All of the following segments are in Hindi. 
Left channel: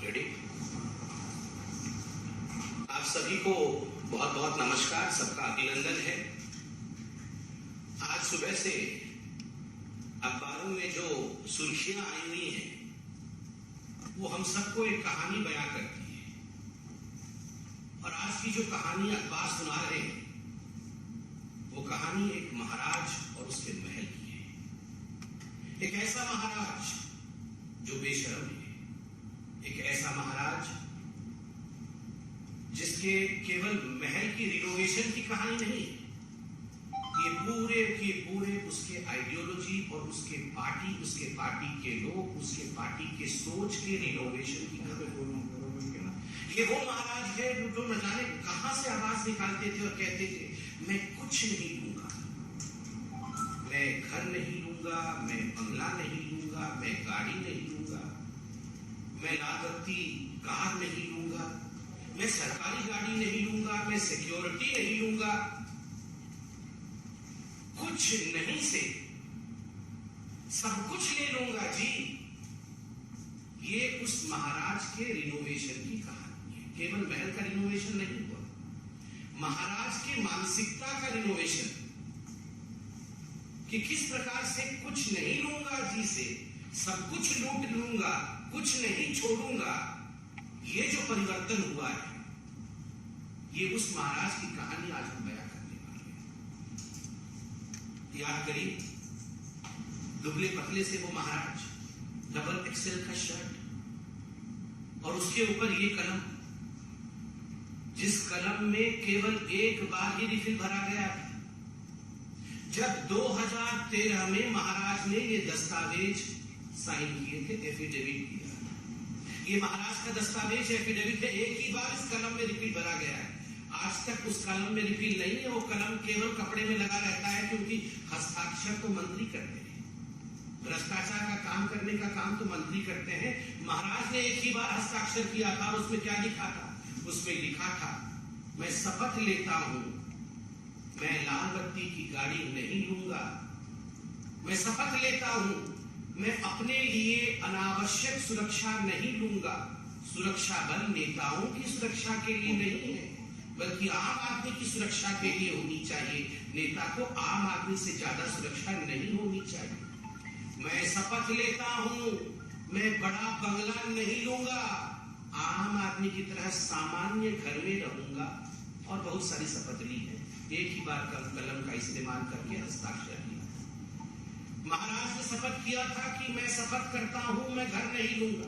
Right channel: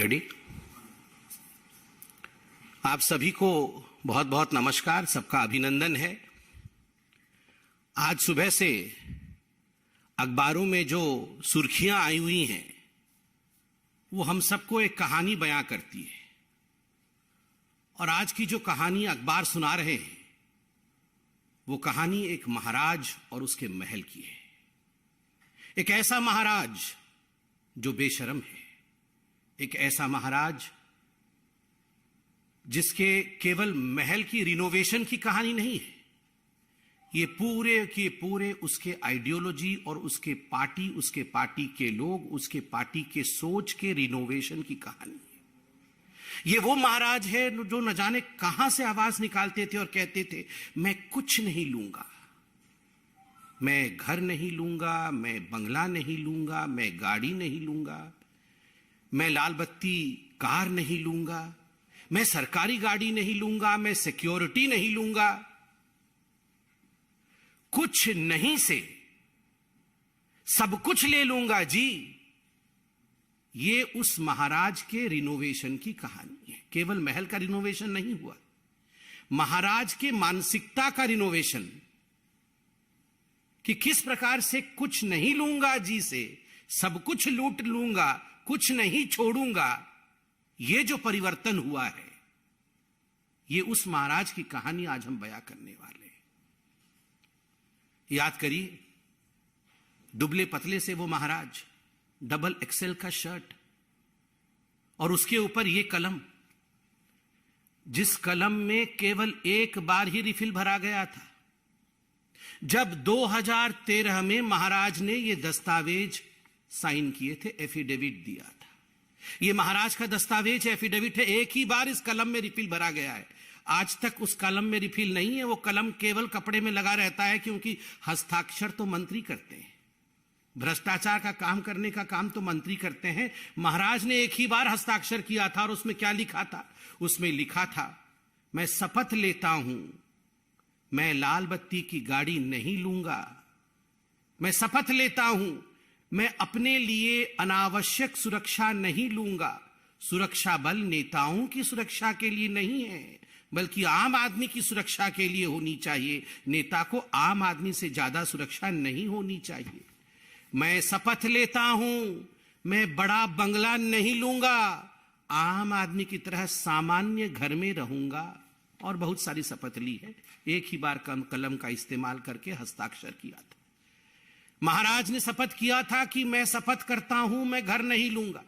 रेडी। आप सभी को बहुत बहुत नमस्कार, सबका अभिनंदन है। आज सुबह से अखबारों में जो सुर्खियां आई हुई हैं वो हम सबको एक कहानी बयां करती है। और आज की जो कहानी अखबार सुना रहे हैं वो कहानी एक महाराज और उसके महल की है। एक ऐसा महाराज जो बेशर्म है, एक ऐसा महाराज जिसके केवल महल की रिनोवेशन की कहानी नहीं है, ये पूरे के पूरे उसके आइडियोलॉजी और उसके पार्टी के लोग, उसके पार्टी के सोच के रिनोवेशन की कहानी। ये वो महाराज है जो न जाने कहां से आवाज निकालते थे और कहते थे, मैं कुछ नहीं लूंगा, मैं घर नहीं लूंगा, मैं बंगला नहीं लूंगा, मैं गाड़ी नहीं लूंगा, मैं लाल बत्ती कार नहीं लूंगा, मैं सरकारी गाड़ी नहीं लूंगा, मैं सिक्योरिटी नहीं लूंगा। कुछ नहीं से सब कुछ ले लूंगा जी। ये उस महाराज के रिनोवेशन की कहानी है। केवल महल का रिनोवेशन नहीं हुआ, महाराज के मानसिकता का रिनोवेशन, कि किस प्रकार से कुछ नहीं लूंगा जी से सब कुछ लूट लूंगा, कुछ नहीं छोड़ूंगा। ये जो परिवर्तन हुआ है, ये उस महाराज की कहानी आज हम बयां करने वाले हैं। याद करिए, दुबले पतले से वो महाराज, डबल एक्सेल का शर्ट और उसके ऊपर ये कलम, जिस कलम में केवल एक बार ही रिफिल भरा गया था। जब 2013 में महाराज ने ये दस्तावेज साइन किए थे, एफिडेविट दिया था, ये महाराज का दस्तावेज एफिडेविट है, एक ही बार इस कलम में रिफिल भरा गया है। आज तक उस कलम में रिफिल नहीं है, वो कलम केवल कपड़े में लगा रहता है, क्योंकि हस्ताक्षर तो मंत्री करते हैं। भ्रष्टाचार का काम करने का काम तो मंत्री करते हैं। महाराज ने एक ही बार हस्ताक्षर किया था और उसमें क्या लिखा था? उसमें लिखा था, मैं शपथ लेता हूं, मैं लाल बत्ती की गाड़ी नहीं लूंगा, मैं शपथ लेता हूं, मैं अपने लिए अनावश्यक सुरक्षा नहीं लूंगा। सुरक्षा बल नेताओं की सुरक्षा के लिए नहीं है, बल्कि आम आदमी की सुरक्षा के लिए होनी चाहिए। नेता को आम आदमी से ज्यादा सुरक्षा नहीं होनी चाहिए। मैं शपथ लेता हूं, मैं बड़ा बंगला नहीं लूंगा, आम आदमी की तरह सामान्य घर में रहूंगा। और बहुत सारी शपथ ली है, एक ही बार कलम का इस्तेमाल करके हस्ताक्षर किया था। महाराज ने शपथ किया था कि मैं शपथ करता हूं, मैं घर नहीं लूंगा।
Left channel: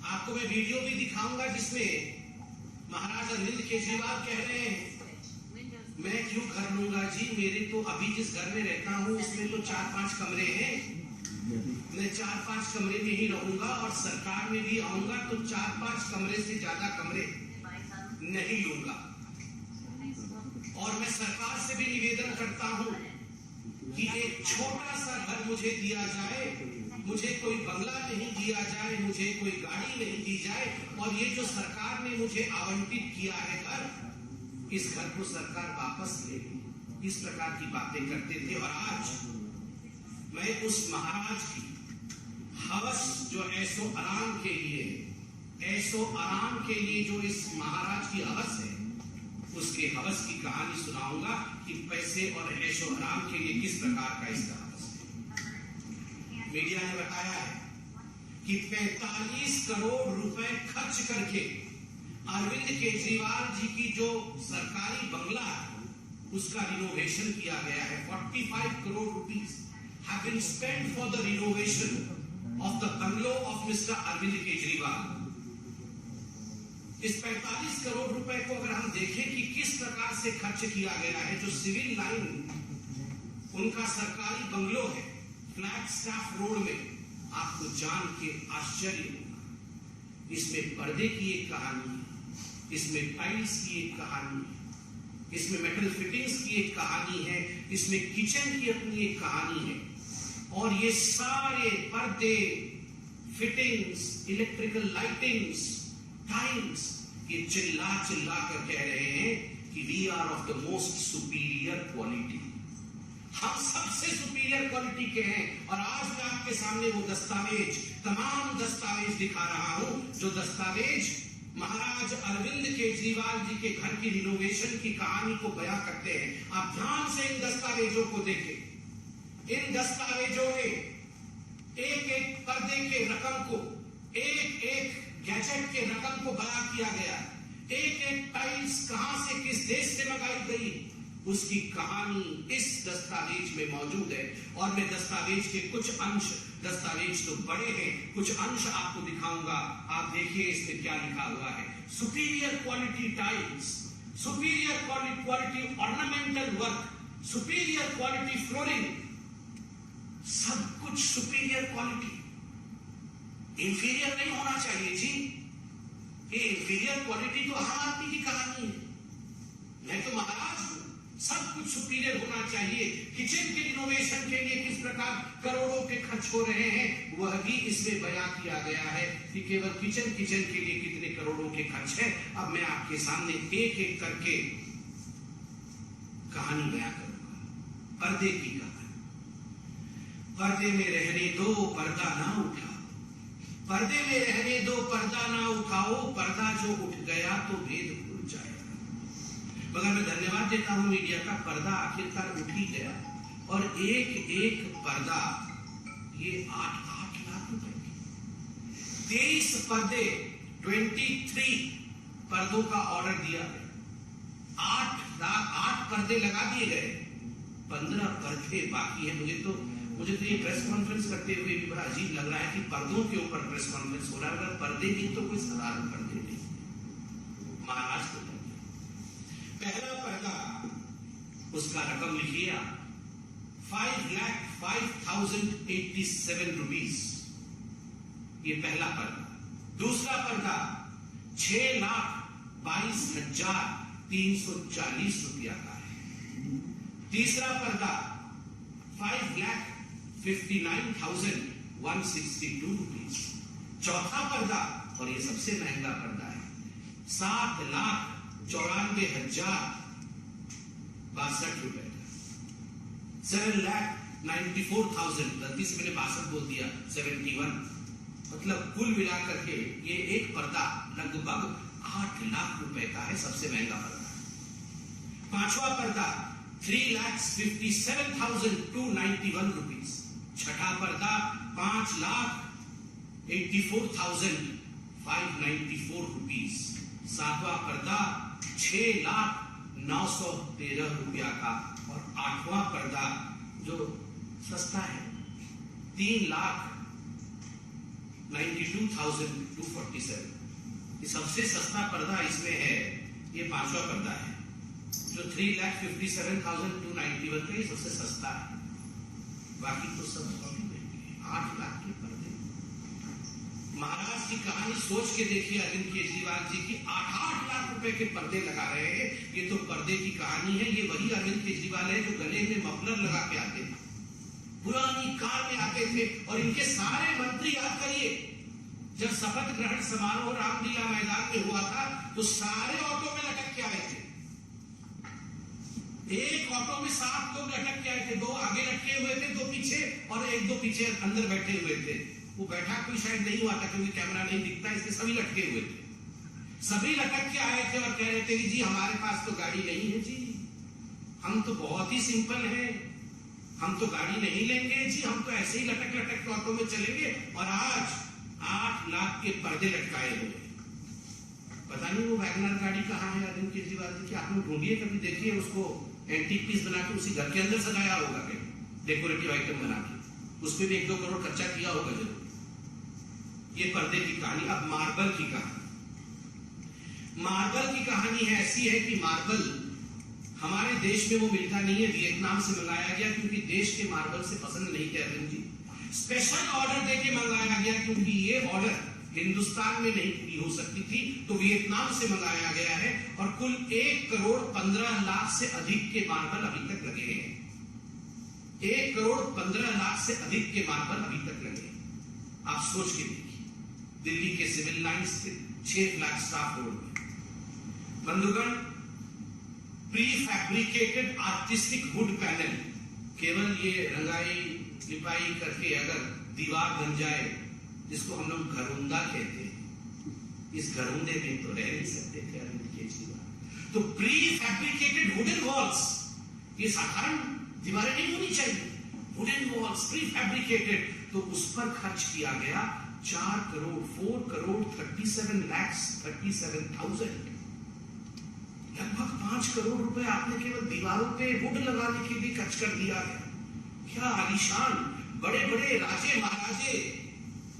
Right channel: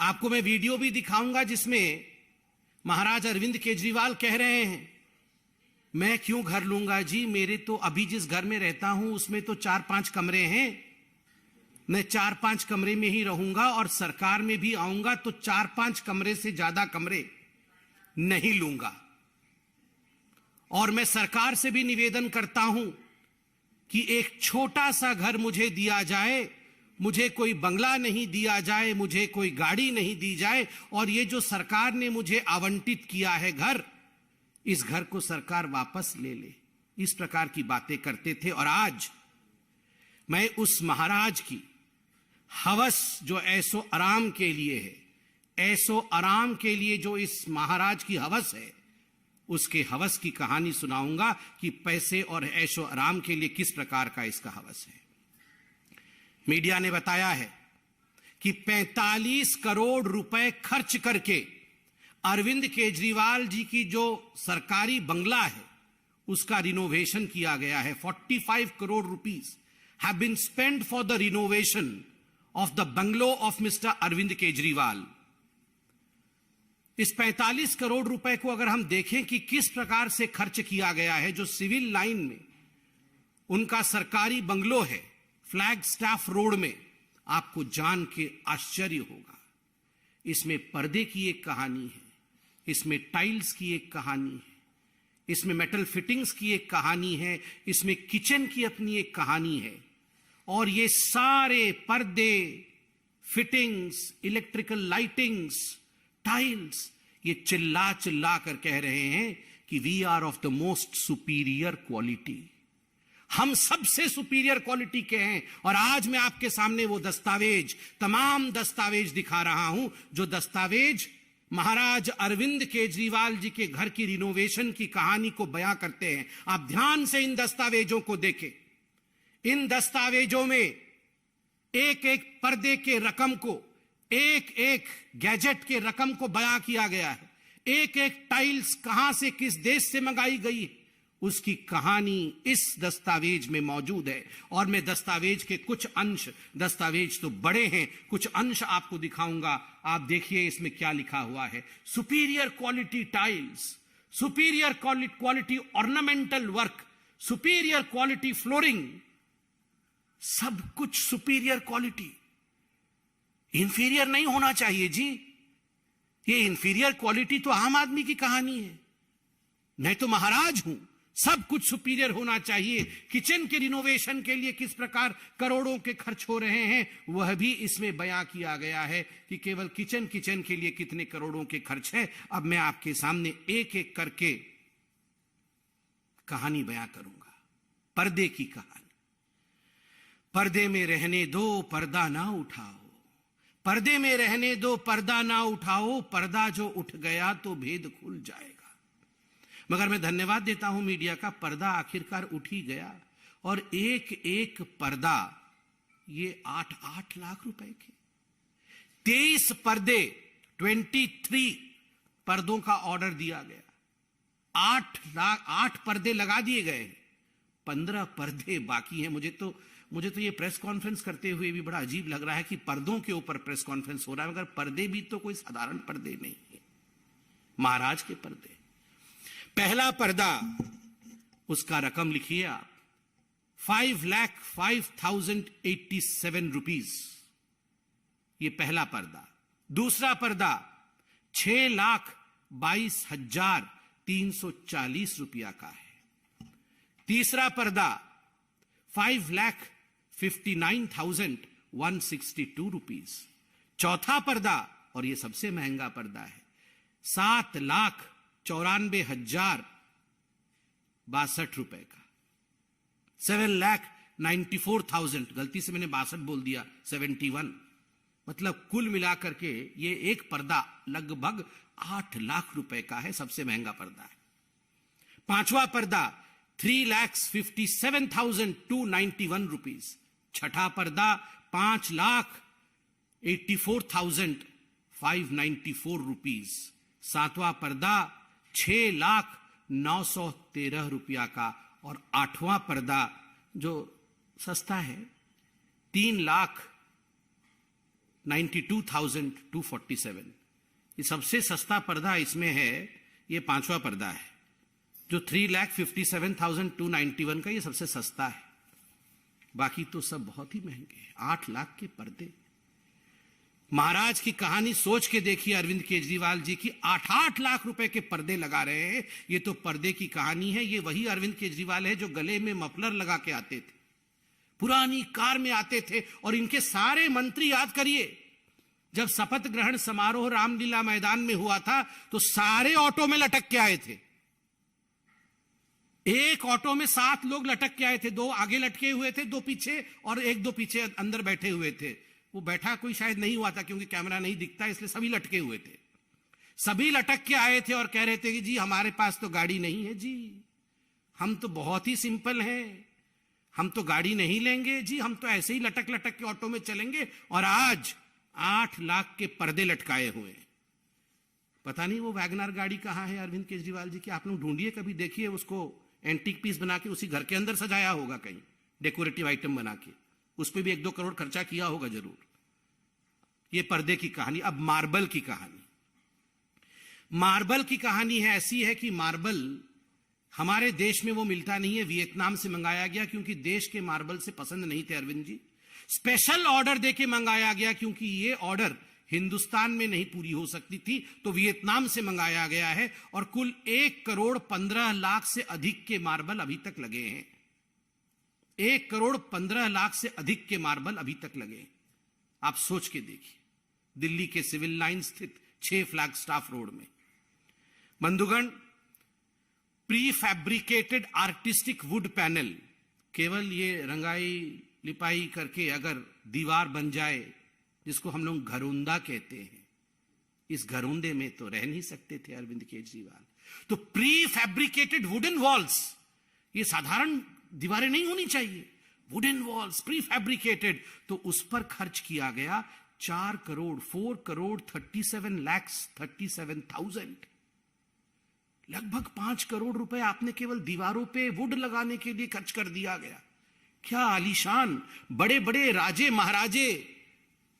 आपको मैं वीडियो भी दिखाऊंगा जिसमें महाराज अरविंद केजरीवाल कह रहे हैं, मैं क्यों घर लूंगा जी, मेरे तो अभी जिस घर में रहता हूं उसमें तो 4-5 कमरे हैं, मैं 4-5 कमरे में ही रहूंगा और सरकार में भी आऊंगा तो 4-5 कमरे से ज्यादा कमरे नहीं लूंगा। और मैं सरकार से भी निवेदन करता हूं कि एक छोटा सा घर मुझे दिया जाए, मुझे कोई बंगला नहीं दिया जाए, मुझे कोई गाड़ी नहीं दी जाए, और ये जो सरकार ने मुझे आवंटित किया है घर, इस घर को सरकार वापस ले ले। इस प्रकार की बातें करते थे। और आज मैं उस महाराज की हवस जो ऐसो आराम के लिए है, ऐसो आराम के लिए जो इस महाराज की हवस है, उसके हवस की कहानी सुनाऊंगा कि पैसे और ऐशो आराम के लिए किस प्रकार का इसका हवस है। मीडिया ने बताया है कि 45 करोड़ रुपए खर्च करके अरविंद केजरीवाल जी की जो सरकारी बंगला है उसका रिनोवेशन किया गया है। 45 crore rupees have been spent for the renovation of the bungalow of mister Arvind Kejriwal. इस 45 करोड़ रुपए को अगर हम देखें कि किस प्रकार से खर्च किया गया है, जो सिविल लाइन उनका सरकारी बंगलो है फ्लैग स्टाफ रोड में, आपको जान के आश्चर्य होगा। इसमें पर्दे की एक कहानी है, इसमें टाइल्स की एक कहानी है, इसमें मेटल फिटिंग्स की एक कहानी है, इसमें किचन की अपनी एक कहानी है। और ये सारे पर्दे, फिटिंग्स, इलेक्ट्रिकल लाइटिंग्स, टाइल्स, ये चिल्ला चिल्ला कर कह रहे हैं कि we are of the most superior quality. हम सबसे सुपीरियर क्वालिटी के हैं। और आज मैं आपके सामने वो दस्तावेज, तमाम दस्तावेज दिखा रहा हूं, जो दस्तावेज महाराज अरविंद केजरीवाल जी के घर की रिनोवेशन की कहानी को बयां करते हैं। आप ध्यान से इन दस्तावेजों को देखें। इन दस्तावेजों में एक एक पर्दे के रकम को, एक एक गैजेट के रकम को बयां किया गया है। एक एक टाइल्स कहां से, किस देश से मंगाई गई, उसकी कहानी इस दस्तावेज में मौजूद है। और मैं दस्तावेज के कुछ अंश, दस्तावेज तो बड़े हैं, कुछ अंश आपको दिखाऊंगा। आप देखिए इसमें क्या लिखा हुआ है। Superior quality tiles, superior quality ornamental work, superior quality flooring, सब कुछ सुपीरियर क्वालिटी। इंफीरियर नहीं होना चाहिए जी। ये इंफीरियर क्वालिटी तो आम आदमी की कहानी है। मैं तो महाराज हूं, सब कुछ सुपीरियर होना चाहिए। किचन के रिनोवेशन के लिए किस प्रकार करोड़ों के खर्च हो रहे हैं, वह भी इसमें बयां किया गया है कि केवल किचन के लिए कितने करोड़ों के खर्च है। अब मैं आपके सामने एक एक करके कहानी बयां करूंगा। पर्दे की कहानी। पर्दे में रहने दो, पर्दा ना उठाओ। पर्दे में रहने दो, पर्दा ना उठाओ। पर्दा जो उठ गया तो भेद खुल जाएगा। मगर मैं धन्यवाद देता हूं मीडिया का, पर्दा आखिरकार उठ ही गया। और एक एक पर्दा ये 8 लाख रुपए की, 23 पर्दे, 23 पर्दों का ऑर्डर दिया गया। 8 पर्दे लगा दिए गए, 15 पर्दे बाकी है। मुझे तो ये प्रेस कॉन्फ्रेंस करते हुए भी बड़ा अजीब लग रहा है कि पर्दों के ऊपर प्रेस कॉन्फ्रेंस हो रहा है। अगर पर्दे भी तो कोई साधारण पर्दे नहीं है, महाराज के पर्दे। पहला पर्दा, उसका रकम लिखिए आप, 5,05,087 रुपीज, ये पहला पर्दा। दूसरा पर्दा 6,22,340 रुपया का है। तीसरा पर्दा 5,59,162 रुपीज। चौथा पर्दा, और ये सबसे महंगा पर्दा है, 7,94,062 रुपए का। 7,94,000, गलती से मैंने 62 बोल दिया, 71, मतलब कुल मिलाकर के ये एक पर्दा लगभग 8 लाख रुपए का है, सबसे महंगा पर्दा है। पांचवा पर्दा 3,57,291 रुपीज। छठा पर्दा 5,84,594 रुपीज। सातवां पर्दा 6,09,13 रुपया का। और आठवां पर्दा जो सस्ता है 3,92,247। ये सबसे सस्ता पर्दा इसमें है, ये पांचवा पर्दा है जो 3,57,291 का, ये सबसे सस्ता है। बाकी तो सब बहुत ही महंगे हैं, 8 लाख के पर्दे। महाराज की कहानी सोच के देखिए, अरविंद केजरीवाल जी की 8-8 लाख रुपए के पर्दे लगा रहे हैं। ये तो पर्दे की कहानी है। ये वही अरविंद केजरीवाल है जो गले में मफलर लगा के आते थे, पुरानी कार में आते थे। और इनके सारे मंत्री, याद करिए, जब शपथ ग्रहण समारोह रामलीला मैदान में हुआ था तो सारे ऑटो में लटक के आए थे। एक ऑटो में 7 लोग लटक के आए थे, 2 आगे लटके हुए थे, 2 पीछे, और 1-2 पीछे अंदर बैठे हुए थे। वो बैठा कोई शायद नहीं हुआ था क्योंकि कैमरा नहीं दिखता, इसलिए सभी लटके हुए थे। सभी लटक के आए थे और कह रहे थे जी हमारे पास तो गाड़ी नहीं है जी, हम तो बहुत ही सिंपल हैं, हम तो गाड़ी नहीं लेंगे जी, हम तो ऐसे ही लटक लटक के ऑटो में चलेंगे। और आज 8 लाख के पर्दे लटकाए हुए। पता नहीं वो वैगनर गाड़ी कहाँ है अरविंद केजरीवाल जी की, आप लोग ढूंढिए, कभी देखिए उसको। एंटीक पीस बना के उसी घर के अंदर सजाया होगा, कहीं डेकोरेटिव आइटम बना के, उसमें भी 1-2 करोड़ खर्चा किया होगा जरूर। ये पर्दे की कहानी। अब मार्बल की कहानी। मार्बल की कहानी है ऐसी है कि मार्बल हमारे देश में वो मिलता नहीं है, वियतनाम से मंगाया गया, क्योंकि देश के मार्बल से पसंद नहीं थे अरविंद जी। स्पेशल ऑर्डर देके मंगाया गया, क्योंकि ये ऑर्डर हिंदुस्तान में नहीं पूरी हो सकती थी, तो वियतनाम से मंगाया गया है। और कुल 1,15,00,000 से अधिक के मार्बल अभी तक लगे हैं। 1,15,00,000 से अधिक के मार्बल अभी तक लगे हैं। आप सोच के देखिए, दिल्ली के सिविल लाइन स्थित 6 फ्लैगस्टाफ रोड में। बंधुगण, prefabricated artistic wood panel केवल ये रंगाई लिपाई करके अगर दीवार बन जाए, जिसको हम लोग घरौंदा कहते हैं, इस घरौंदे में तो रह नहीं सकते थे अरविंद केजरीवाल। तो प्री फैब्रिकेटेड वुडन वॉल्स, ये साधारण दीवारें नहीं होनी चाहिए, वुडन वॉल्स प्री फैब्रिकेटेड, तो उस पर खर्च किया गया 4,37,37,000, लगभग 5 करोड़ रुपए आपने केवल दीवारों पे वुड लगाने के लिए खर्च कर दिया गया। क्या आलीशान बड़े बड़े राजे महाराजे,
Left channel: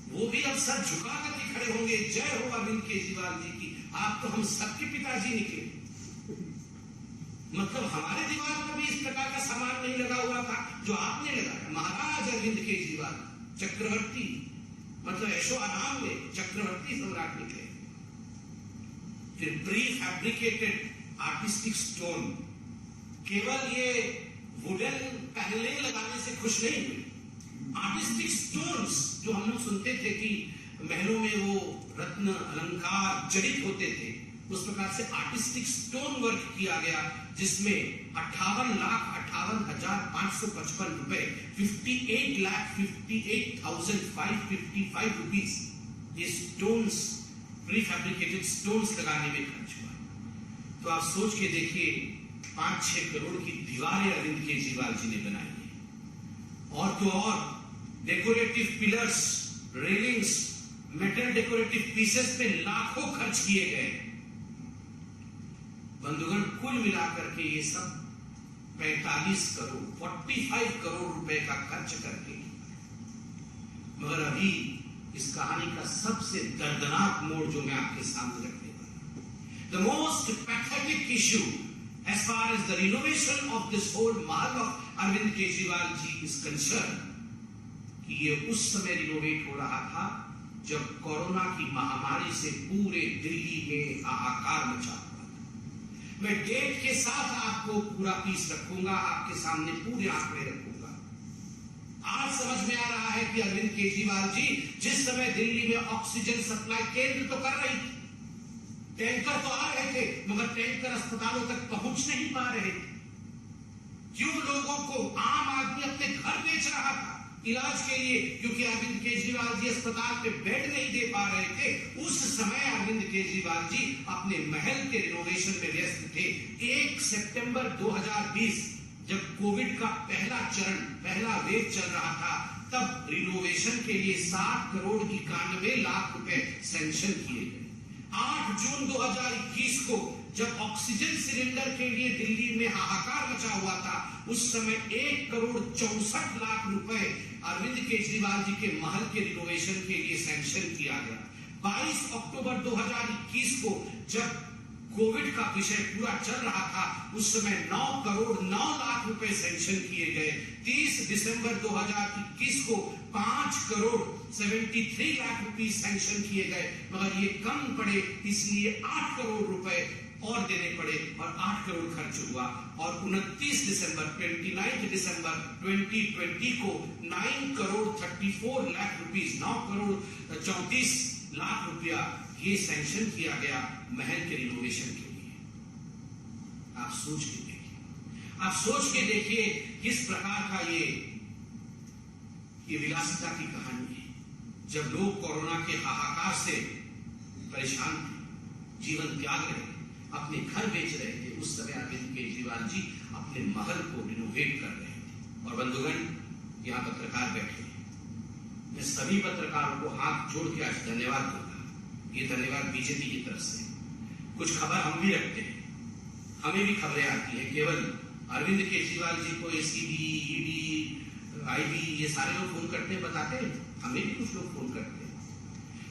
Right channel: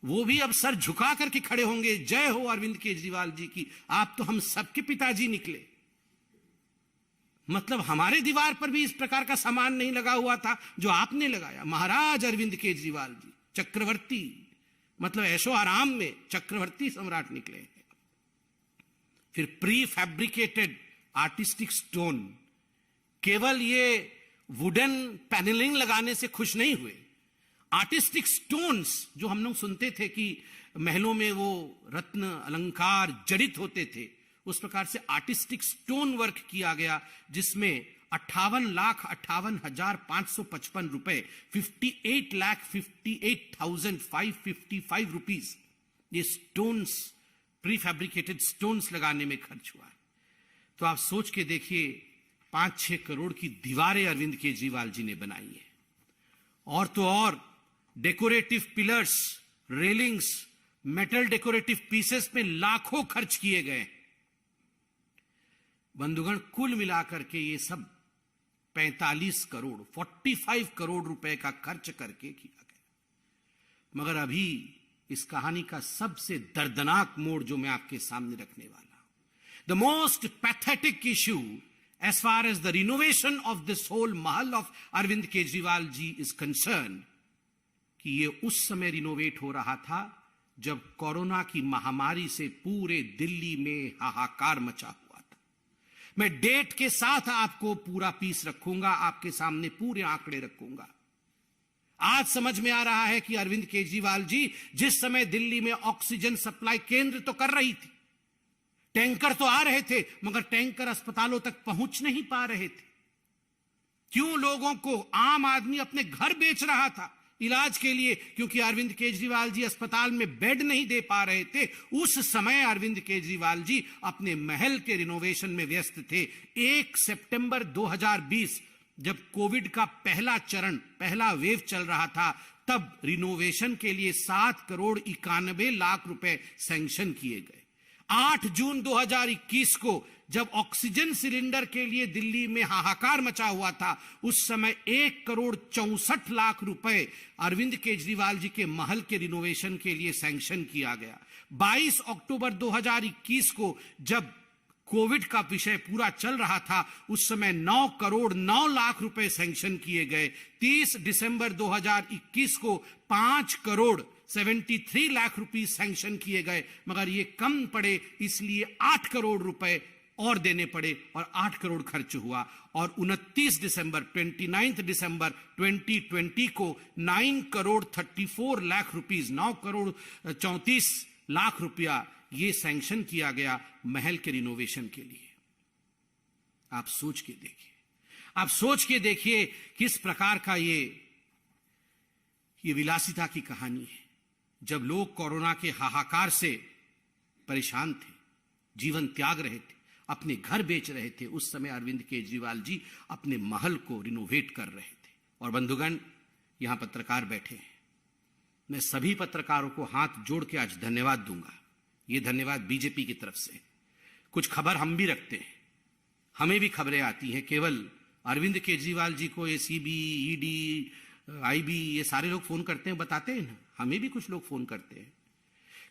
वो भी अब सर झुका करके खड़े होंगे, जय हो अरविंद केजरीवाल जी की, आप तो हम सबके पिताजी निकले। मतलब हमारे दीवार पर भी इस प्रकार का सामान नहीं लगा हुआ था जो आपने लगाया। महाराज अरविंद केजरीवाल चक्रवर्ती, मतलब ऐशो आराम में चक्रवर्ती सम्राट निकले। फिर प्री फैब्रिकेटेड आर्टिस्टिक स्टोन, केवल ये वुडन पैनलिंग लगाने से खुश नहीं हुए, आर्टिस्टिक स्टोन्स जो हम लोग सुनते थे कि महलों में वो रत्न अलंकार जड़ित होते थे, उस प्रकार से आर्टिस्टिक स्टोन वर्क किया गया, जिसमें 58,58,555 रुपए, 58,58,555 रुपीज ये स्टोन्स, प्री फैब्रिकेटेड स्टोन्स लगाने में खर्च हुआ। तो आप सोच के देखिए, 5-6 करोड़ की दीवारें अरविंद केजरीवाल जी ने बनाई है। और तो और decorative pillars, railings, metal decorative pieces पे लाखों खर्च किए गए। बंधुगण, कुल मिलाकर के ये सब 45 करोड़ 45 करोड़ रुपए का खर्च करके, मगर अभी इस कहानी का सबसे दर्दनाक मोड़ जो मैं आपके सामने रखने वाला, the most pathetic issue as far as the renovation of this whole महल of Arvind Kejriwal ji is concerned, कि ये उस समय रिनोवेट हो रहा था जब कोरोना की महामारी से पूरे दिल्ली में हाहाकार मचा हुआ था। मैं डेट के साथ आपको पूरा पीस रखूंगा, आपके सामने पूरे आंकड़े रखूंगा। आज समझ में आ रहा है कि अरविंद केजरीवाल जी जिस समय दिल्ली में ऑक्सीजन सप्लाई केंद्र तो कर रही थी, टैंकर तो आ रहे थे, मगर टैंकर अस्पतालों तक पहुंच नहीं पा रहे थे। क्यों? लोगों को, आम आदमी अपने घर बेच रहा था इलाज के लिए, क्योंकि अरविंद केजरीवाल जी अस्पताल में बेड नहीं दे पा रहे थे। उस समय अरविंद केजरीवाल जी अपने महल के रिनोवेशन में व्यस्त थे। 1 सितंबर 2020 जब कोविड का पहला चरण, पहला वेव चल रहा था, तब रिनोवेशन के लिए 7,91,00,000 रुपए सैंक्शन किए गए। 8 जून 2021 को जब ऑक्सीजन सिलेंडर के लिए दिल्ली में हाहाकार मचा हुआ था, उस समय 1,64,00,000 रुपए अरविंद केजरीवाल जी के महल के रिनोवेशन के लिए सैंक्शन किया गया। 22 अक्टूबर 2021 को जब कोविड का विषय पूरा चल रहा था, उस समय 9,09,00,000 रुपए सैंक्शन किए गए। 30 दिसंबर 2021 को 5,73,00,000 रुपीस सैंक्शन किए गए, मगर ये कम पड़े, इसलिए 8 करोड़ रुपए और देने पड़े और 8 करोड़ खर्च हुआ। और 29 दिसंबर 2020 को 9,34,00,000 रुपीस, 9,34,00,000 रुपया ये सैंक्शन किया गया महल के रिनोवेशन के लिए। आप सोच के देखिए, आप सोच के देखिए किस प्रकार का ये विलासिता की कहानी है। जब लोग कोरोना के हाहाकार से परेशान थे, जीवन त्याग रहे थे, अपने घर बेच रहे थे, उस समय अरविंद केजरीवाल जी अपने महल को रिनोवेट कर रहे थे। और बंधुगण, यहाँ पत्रकार बैठे हैं, मैं सभी पत्रकारों को हाथ जोड़ के आज धन्यवाद दूंगा। ये धन्यवाद बीजेपी की तरफ से। कुछ खबर हम भी रखते हैं, हमें भी खबरें आती है। केवल अरविंद केजरीवाल जी को एसीबी, ईडी, आईबी ये सारे लोग फोन करते हैं, बताते हैं, हमें भी कुछ लोग फोन करते हैं।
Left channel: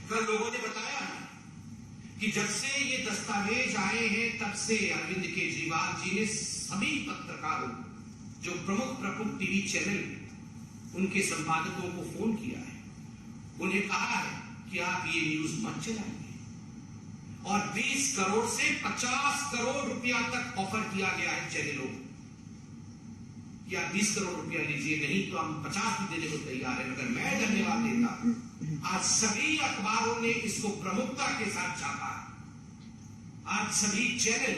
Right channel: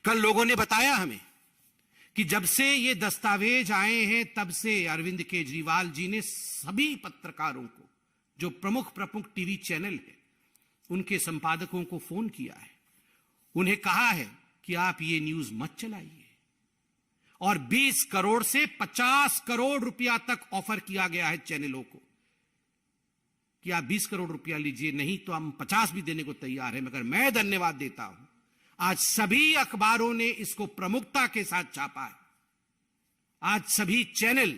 कल लोगों ने बताया हमें कि जब से ये दस्तावेज आए हैं, तब से अरविंद केजरीवाल जी ने सभी पत्रकारों को, जो प्रमुख टीवी चैनल, उनके संपादकों को फोन किया है, उन्हें कहा है कि आप ये न्यूज मत चलाइए। और 20 करोड़ से 50 करोड़ रुपया तक ऑफर किया गया है चैनलों को कि आप 20 करोड़ रुपया लीजिए, नहीं तो हम 50 भी देने को तैयार है। मगर मैं धन्यवाद देता, आज सभी अखबारों ने इसको प्रमुखता के साथ छापा। आज सभी चैनल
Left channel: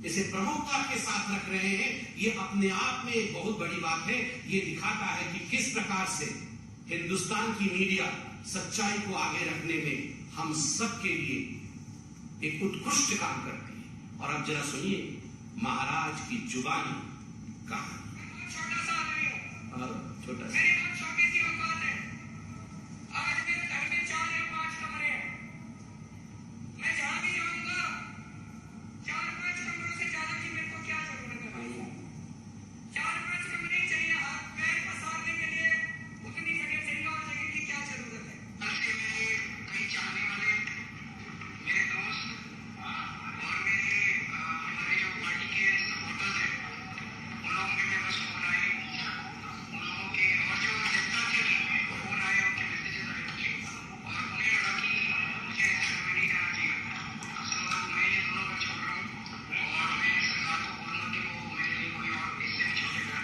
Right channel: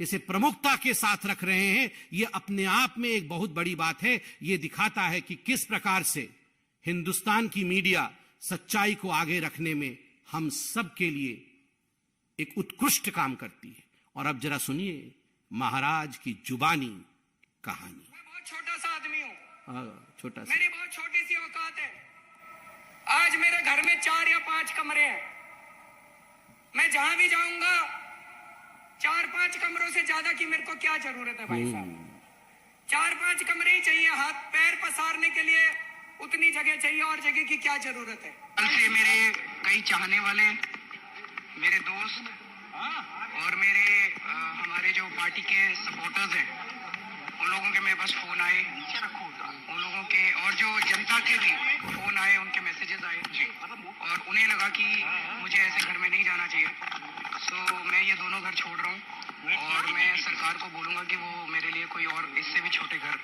इसे प्रमुखता के साथ रख रहे हैं, ये अपने आप में एक बहुत बड़ी बात है। ये दिखाता है कि किस प्रकार से हिंदुस्तान की मीडिया सच्चाई को आगे रखने में हम सब के लिए एक उत्कृष्ट काम कर रही है। और अब जरा सुनिए महाराज की जुबानी कहानी। छोटा सा आदमी हूं, छोटा सा, मेरी बहुत छोटी सी औकात है। आज मेरे घर में 4 या 5 कमरे हैं। मैं जहां भी जाऊंगा 4-5 कमरों से ज्यादा की मेरे को क्या जरूरत है भाई साहब। 4-5 कमरे ही चाहिए, हाथ पैर पसारने के लिए उतनी जगह चाहिए, और जगह की क्या जरूरत है। कल से मेरे कई चाहने वाले, मेरे दोस्त और मेरे हमारे जो पार्टी के सपोर्टर्स हैं, उन लोगों के मेरे पास फोन आए, उन लोगों के और जो जनता के भी फोन आए, उनके मैसेजेस आए और उन्हें लगा कि मुझे ऐसे घर में नहीं जाना चाहिए। सो मैं ये दोनों घर छोड़ रहा हूँ और मैं सरकार को बोलूँगा कि वो मेरे लिए कोई और इससे भी छोटे घर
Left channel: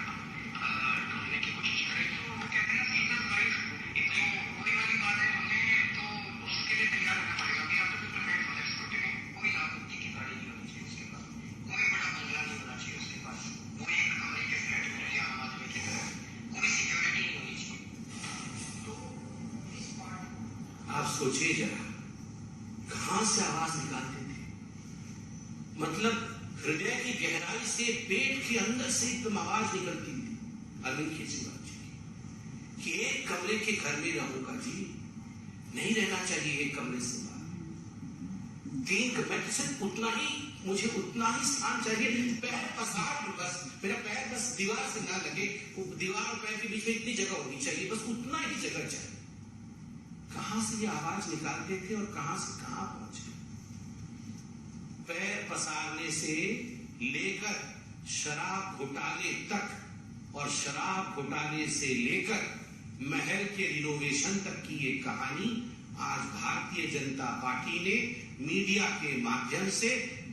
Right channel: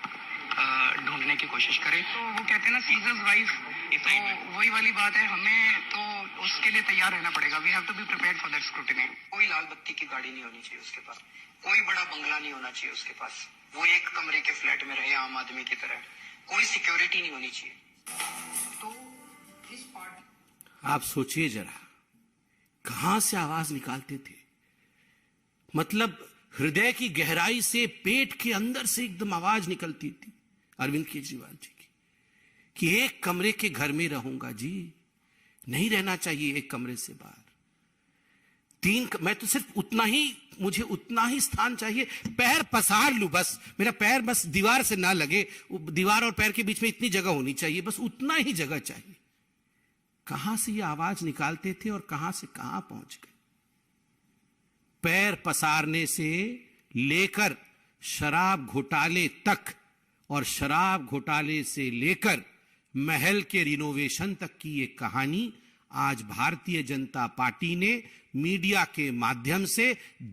ढूंढने की कोशिश करे। तो वो कहते हैं ना सीजन्स वाइज, तो वही वाली बात है, हमें तो उसके लिए तैयार रहना पड़ेगा। We have to be prepared for that scrutiny. कोई लाल बत्ती की गाड़ी नहीं होनी चाहिए उसके पास, कोई बड़ा बंगला नहीं होना चाहिए उसके पास, वो एक कमरे के फ्लैट में रहे आम आदमी की तरह, कोई सिक्योरिटी नहीं होनी चाहिए। आप सोचिए जरा कहां से आवाज निकालते थे। मतलब हृदय की गहराई से, पेट के अंदर से एकदम आवाज निकलती थी अरविंद केजरीवाल जी की कि एक कमरे के घर में रहूंगा जी, नहीं रहना चाहिए एक कमरे से बाहर। मैं तो सिर्फ उतना ही, मुझे उतना ही स्थान चाहिए, पैर पसार लूं बस, मेरा पैर बस दीवार से ना लगे, दीवार और पैर के बीच में इतनी जगह होनी चाहिए, बस उतना ही जगह चाहिए। कहां से ये आवाज निकालते थे और कहां से कहां पहुंच गए। पैर पसारने से लेकर शराब घोटाले तक और शराब घोटाले से लेकर महल के रिनोवेशन तक की एक कहानी आज भारतीय जनता पार्टी ने मीडिया के माध्यम से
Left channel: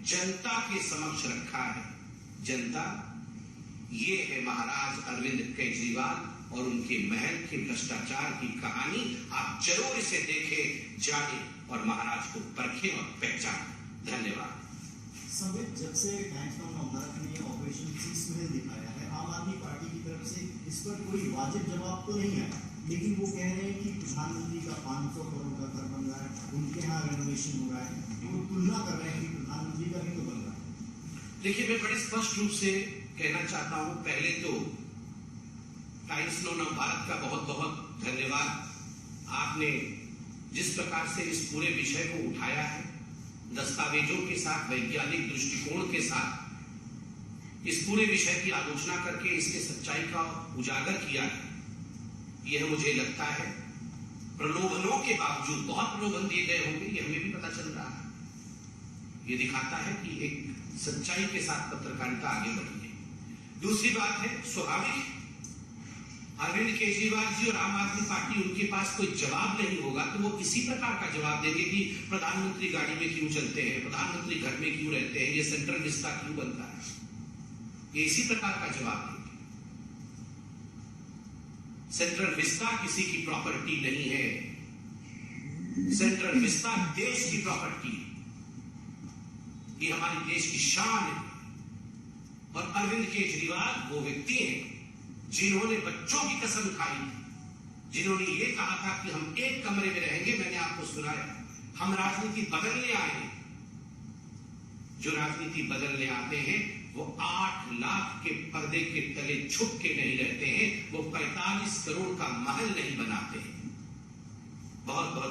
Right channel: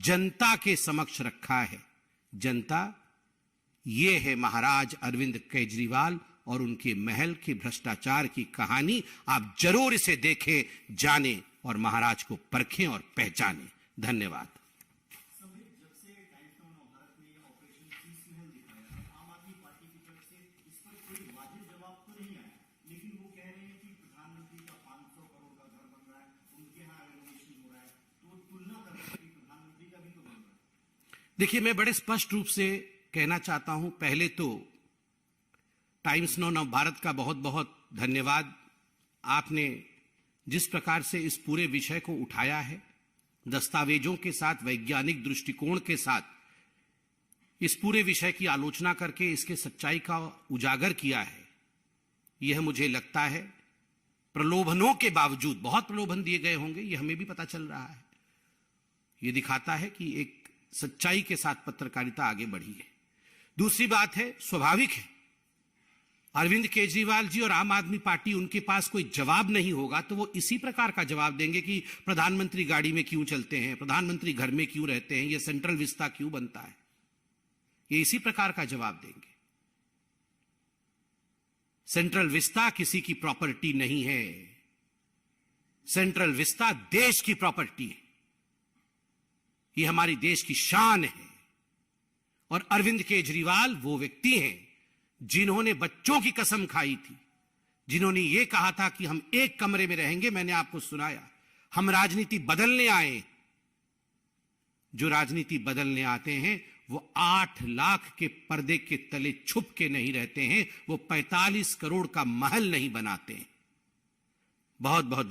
जनता के समक्ष रखा है। जनता, ये है महाराज अरविंद केजरीवाल और उनके महल के भ्रष्टाचार की कहानी। आप जरूर इसे देखें, जानें और महाराज को परखें और पहचानें। धन्यवाद। जब से टाइम्स नाउ नवभारत ने ऑपरेशन शीश महल दिखाया है, आम आदमी पार्टी की तरफ से इस पर कोई वाजिब जवाब तो नहीं आया, लेकिन वो कह रहे हैं कि प्रधानमंत्री का 500 करोड़ का घर बन रहा है, उनके यहाँ रेनोवेशन हो रहा है, वो तुलना कर रहे हैं कि प्रधानमंत्री का भी तो बन रहा है। देखिए, मैं बड़े स्पष्ट रूप से कहना चाहता हूं, पहले तो टाइम्स नाउ नवभारत का बहुत बहुत धन्यवाद। आपने जिस प्रकार से इस पूरे विषय को उठाया है, दस्तावेजों के साथ, वैज्ञानिक दृष्टिकोण के साथ इस पूरे विषय की आलोचना करके इसके सच्चाई का उजागर किया है, यह मुझे लगता है प्रलोभनों के बावजूद, बहुत प्रलोभन दिए गए होंगे, यह हमें भी पता चल रहा है, यह दिखाता है कि एक सच्चाई के साथ पत्रकारिता आगे बढ़ी है। दूसरी बात है, स्वाभाविक है, अरविंद केजरीवाल जी और आम आदमी पार्टी, उनके पास कोई जवाब नहीं होगा तो वो इसी प्रकार का जवाब देंगे कि प्रधानमंत्री गाड़ी में क्यों चलते हैं, प्रधानमंत्री घर में क्यों रहते हैं, ये सेंट्रल विस्ता क्यों बनता है, ये इसी प्रकार का जवाब देंगे। सेंट्रल विस्ता किसी की प्रॉपर्टी नहीं है, सेंट्रल विस्ता देश की प्रॉपर्टी है, ये हमारी देश की शान है। और अरविंद केजरीवाल वो व्यक्ति हैं जिन्होंने बच्चों की कसम खाई थी, जिन्होंने ये कहा था कि हम एक कमरे में रहेंगे। मैंने आपको सुनाया, हम राजनीति बदलने आए। जो राजनीति बदलने आते हैं वो 8 लाख के पर्दे के तले छुप के नहीं रहते हैं, वो 45 करोड़ का महल नहीं बनाते। बहुत बहुत